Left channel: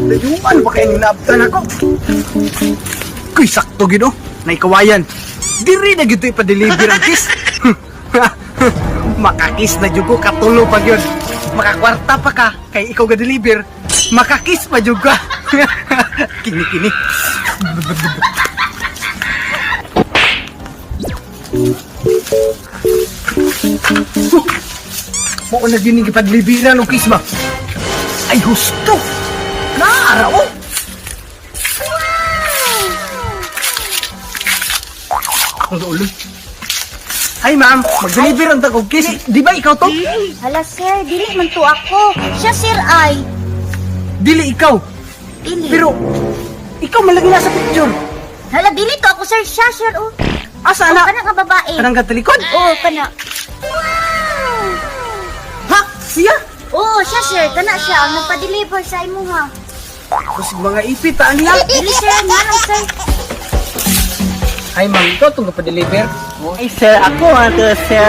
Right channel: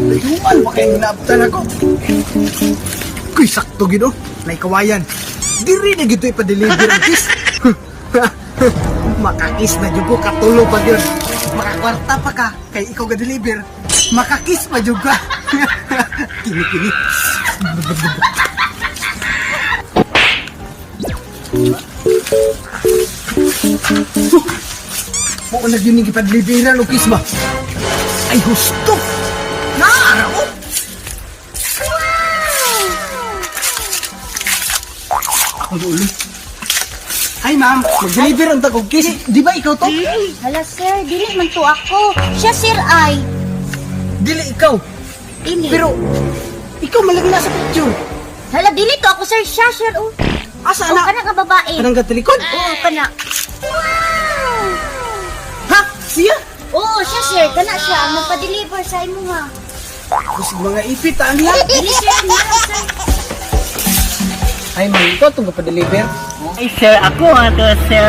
Layuan ba kayong naabtan ako? Kuy, sakto gino. Naikawayan. Diri na gito ipa-deliver ang kiss. Makakis na dyan ko, katulo pa yun. Makakwarta pa ka, kay ikaw ga-deliver. Makakis pa dyan ka. Kini-kini. Mo na yun yung ipa-deliveran ng kiss ba? Ay, husto! Naaraw! Ang ulo. Ay, ma'am, mag-deliver ang takog kiss. Di ba ikaw to? Hala, sir, dili man to ako. Siya, sir, ay. Dili ikaw. Dili. Pero, ikaw malagi nasa picture. Hala, dili to ako, sir. Siya, sir, oh. Asa Oh, na? kana ka babae. Kanang gatalikod? Oo, kana. Ha? Siya? Oo, siya, sir. Kana siya ang nagpa-deliver sa imo, ha. Kasi mga ipit, ang niya. Dili, sir. Ano, sir? Ay, ma'am, ikaw itong kapadeliver. Ay, sir, ako nga to, sir.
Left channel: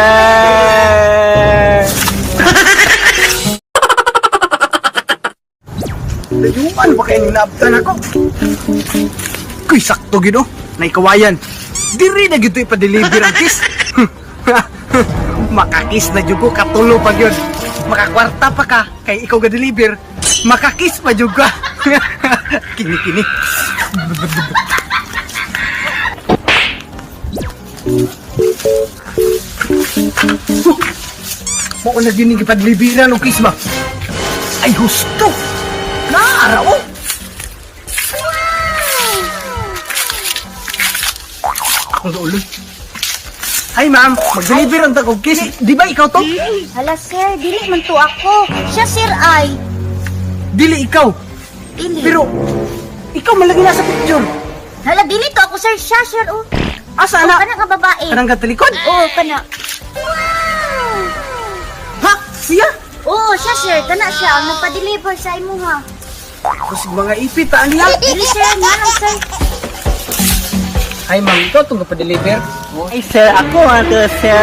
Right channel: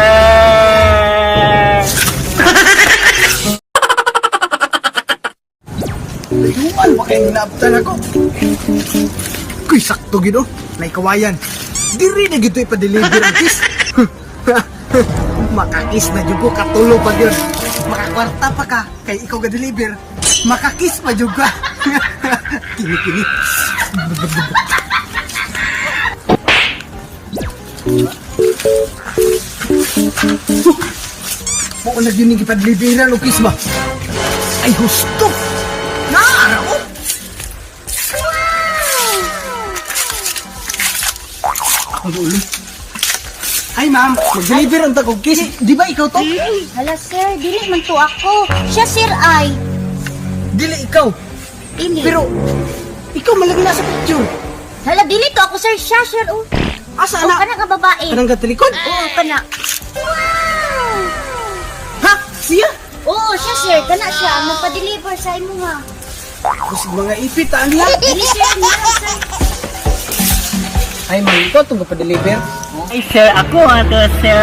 Layuan ba kayong naabtan ako? Kuy, sakto gino. Naikawayan. Diri na gito ipa-deliver ang kiss. Makakis na dyan ko, katulo pa yun. Makakwarta pa ka, kay ikaw ga-deliver. Makakis pa dyan ka. Kini-kini. Mo na yun yung ipa-deliveran ng kiss ba? Ay, husto! Naaraw! Ang ulo. Ay, ma'am, mag-deliver ang takog kiss. Di ba ikaw to? Hala, sir, dili man to ako. Siya, sir, ay. Dili ikaw. Dili. Pero, ikaw malagi nasa picture. Hala, dili to ako, sir. Siya, sir, oh. Asa Oh, na? kana ka babae. Kanang gatalikod? Oo, kana. Ha? Siya? Oo, siya, sir. Kana siya ang nagpa-deliver sa imo, ha. Kasi mga ipit, ang niya. Dili, sir. Ano, sir? Ay, ma'am, ikaw itong kapadeliver. Ay, sir, ako nga to, sir.